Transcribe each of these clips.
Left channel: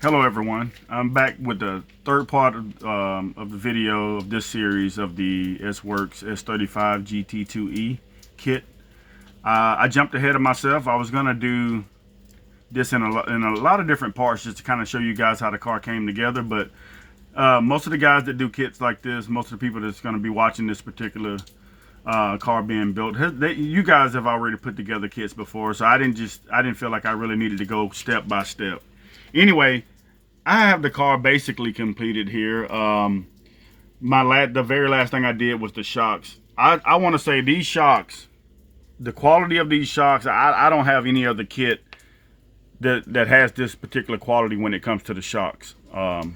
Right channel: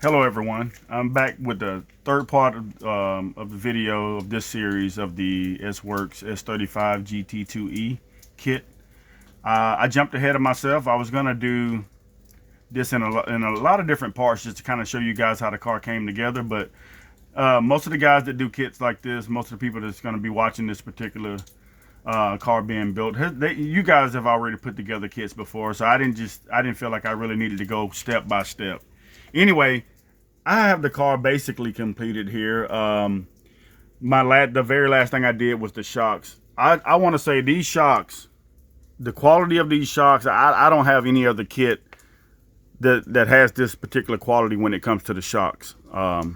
Hello everyone, I'm back with the third part of the video of this series of the Sworkz S35-GT2e kit. I jumped ahead of myself. I was going to do this in a lot of different parts just to kind of show you guys how the car came together, but most of the guys that do kits like this, most of the people that's going to be watching this particular car being built, you guys have already put together kits before, so I didn't feel like I really needed to go step by step. Anyway, I have the car basically completed here. The very last thing I did was the shocks. I want to say these shocks, the quality of these shocks, I don't have any other kit that has this particular quality when it comes to the shocks. I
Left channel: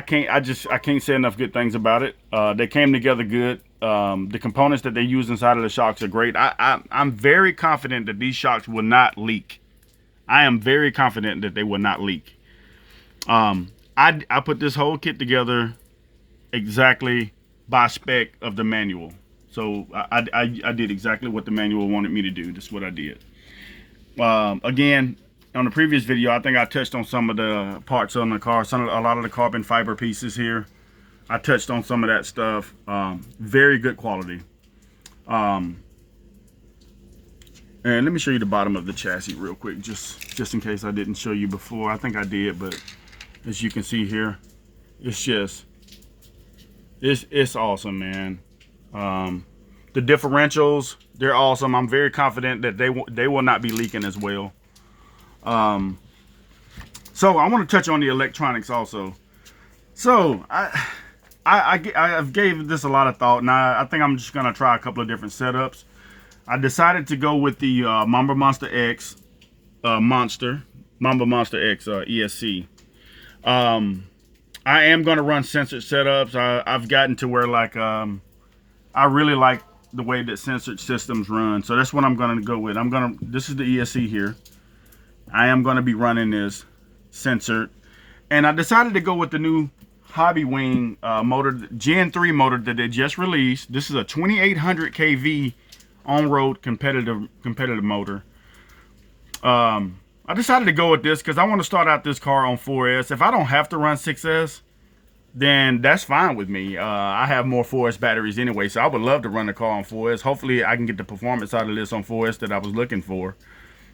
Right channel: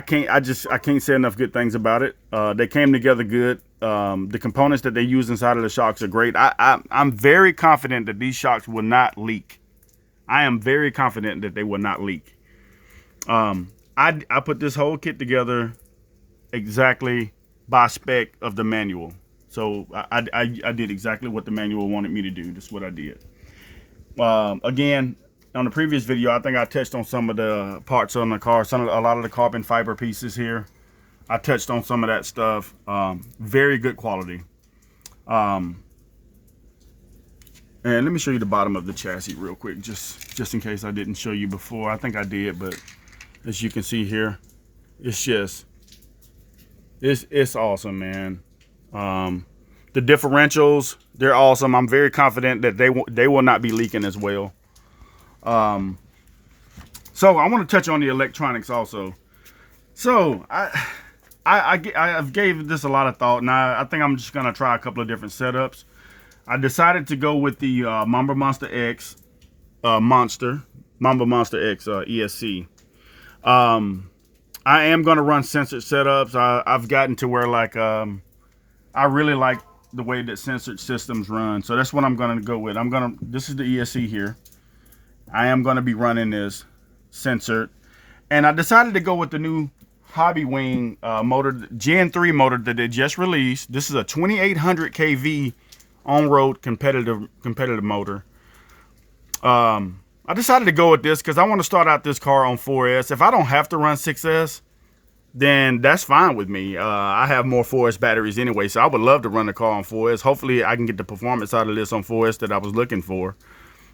can't say enough good things about it. They came together good. The components that they use inside of the shocks are great. I'm very confident that these shocks will not leak. I am very confident that they will not leak. I put this whole kit together exactly by spec of the manual. So I did exactly what the manual wanted me to do. That's what I did. Again, on the previous video, I think I touched on some of the parts on the car, a lot of the carbon fiber pieces here. I touched on some of that stuff. Very good quality. And let me show you the bottom of the chassis real quick, just in case I didn't show you before. I think I did, but as you can see here, it's awesome, man. The differentials, they're awesome. I'm very confident that they will not be leaking as well. So I want to touch on the electronics also. So I've gave this a lot of thought. Now I think I'm just gonna try a couple of different setups. I decided to go with the Mamba Monster X Mamba Monster X ESC. I am going to run censored setups. I've gotten to where I really like the way that censored systems run. So that's what I'm going to go with. This is the ESC here. I am going to be running this censored. And I decided to go with the new Hobby Wing motor, Gen 3 motor that they just released. This is a 2800 kV on-road competitive motor. I decided to go with this because I want to start out this car on 4S. If I don't have to run 6S, then that's fine with me. I have more 4S batteries anyway, so I would love to run the car on 4S. Hopefully I can get the performance out of this on 4S that I was looking for.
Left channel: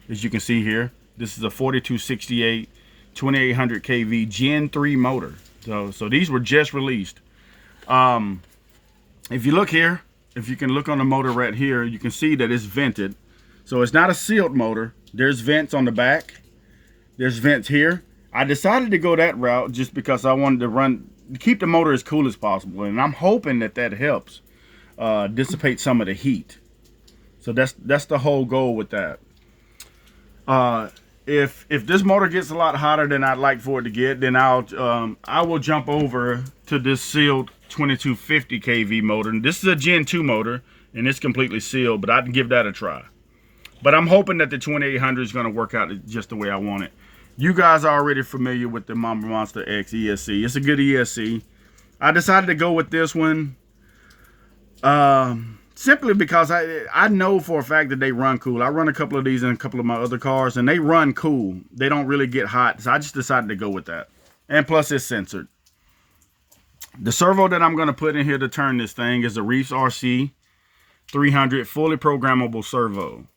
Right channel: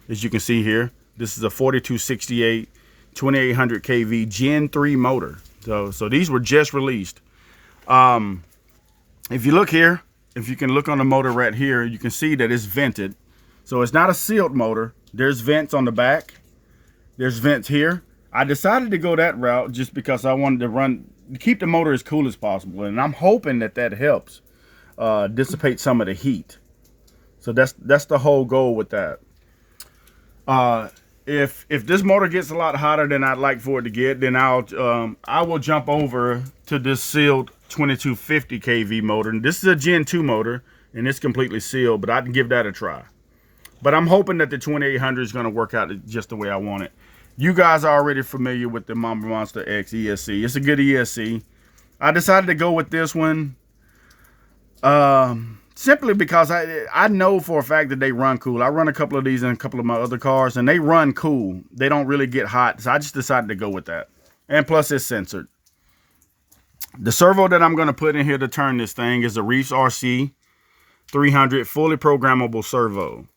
As you can see here, this is a 4268 2800 kV Gen 3 motor. So these were just released. If you look here, if you can look on the motor right here, you can see that it's vented. So it's not a sealed motor. There's vents on the back. There's vents here. I decided to go that route just because I wanted to keep the motor as cool as possible. And I'm hoping that helps dissipate some of the heat. So that's the whole goal with that. If this motor gets a lot hotter than I'd like for it to get, then I will jump over to this sealed 2250 kV motor. And this is a Gen 2 motor, and it's completely sealed, but I can give that a try. But I'm hoping that the 2800 is going to work out just the way I want it. You guys are already familiar with the Mamba Monster X ESC. It's a good ESC. I decided to go with this one simply because I know for a fact that they run cool. I run a couple of these in a couple of my other cars, and they run cool. They don't really get hot, so I just decided to go with that. And plus, it's censored. The servo that I'm going to put in here to turn this thing is a Reefs RC 300 fully programmable servo.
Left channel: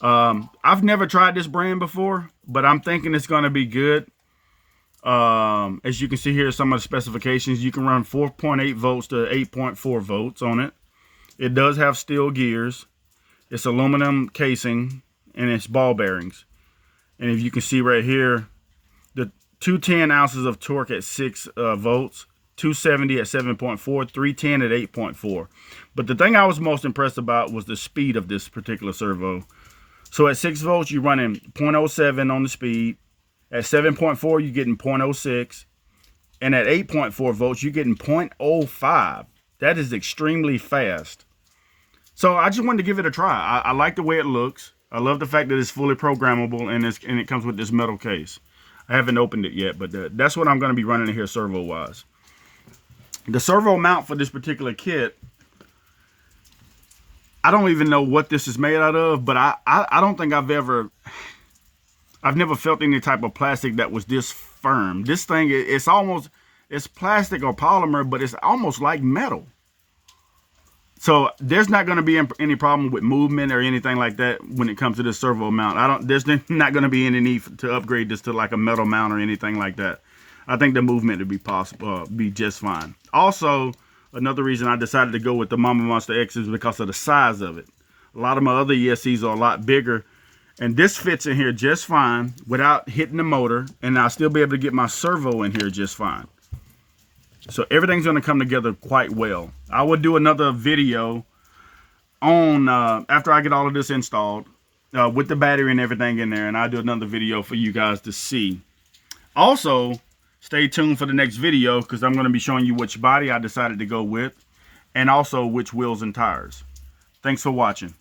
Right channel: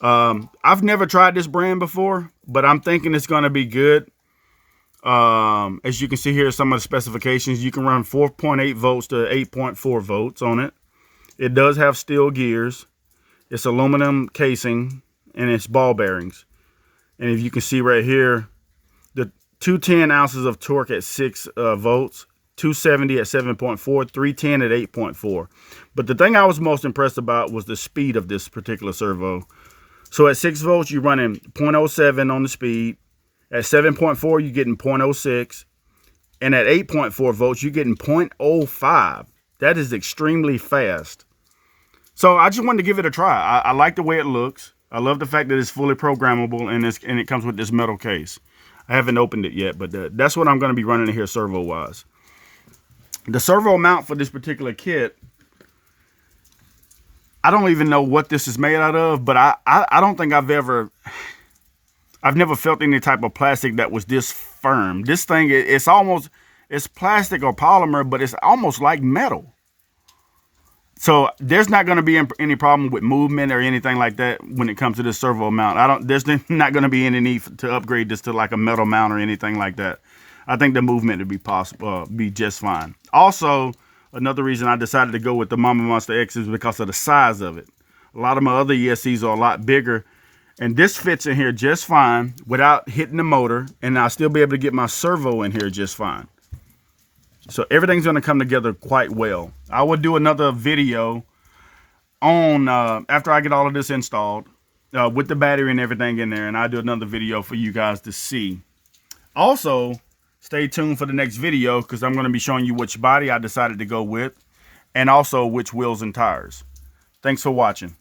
I've never tried this brand before, but I'm thinking it's going to be good. As you can see here, some of the specifications, you can run 4.8 volts to 8.4 volts on it. It does have steel gears. It's aluminum casing, and it's ball bearings. And if you can see right here, the 210 ounces of torque at 6 volts, 270 at 7.4, 310 at 8.4. But the thing I was most impressed about was the speed of this particular servo. So at 6 volts, you're running 0.07 on the speed. At 7.4, you're getting 0.06. And at 8.4 volts, you're getting 0.05. That is extremely fast. So I just wanted to give it a try. I like the way it looks. I love the fact that it's fully programmable and it comes with this metal case. I haven't opened it yet, but that's what I'm going to be running in here servo-wise. The servo mount for this particular kit, I don't even know what this is made out of, but I don't think I've I've never felt any type of plastic that was this firm. This thing, it's plastic or polymer, but it's almost like metal. So there's not going to be any problem with movement or anything like that when it comes to this servo mount. There's not going to be any need to upgrade this to like a metal mount or anything like that. I think the movement would be possible, be just fine. Also, another reason I decided to go with the Mama Monster X is because of the size of it. A lot of my other ESCs are a lot bigger, and this fits in here just fine without hitting the motor, and I'll still be able to get my servo in here just fine. So everything's going to come together quite well. I will do another video on after I get all of this installed with the battery and everything in there, and I'll do another video for you guys to see. Also, stay tuned for the next video because I'm going to be showing you which body I decided to go with and also which wheels and tires. Thanks for watching.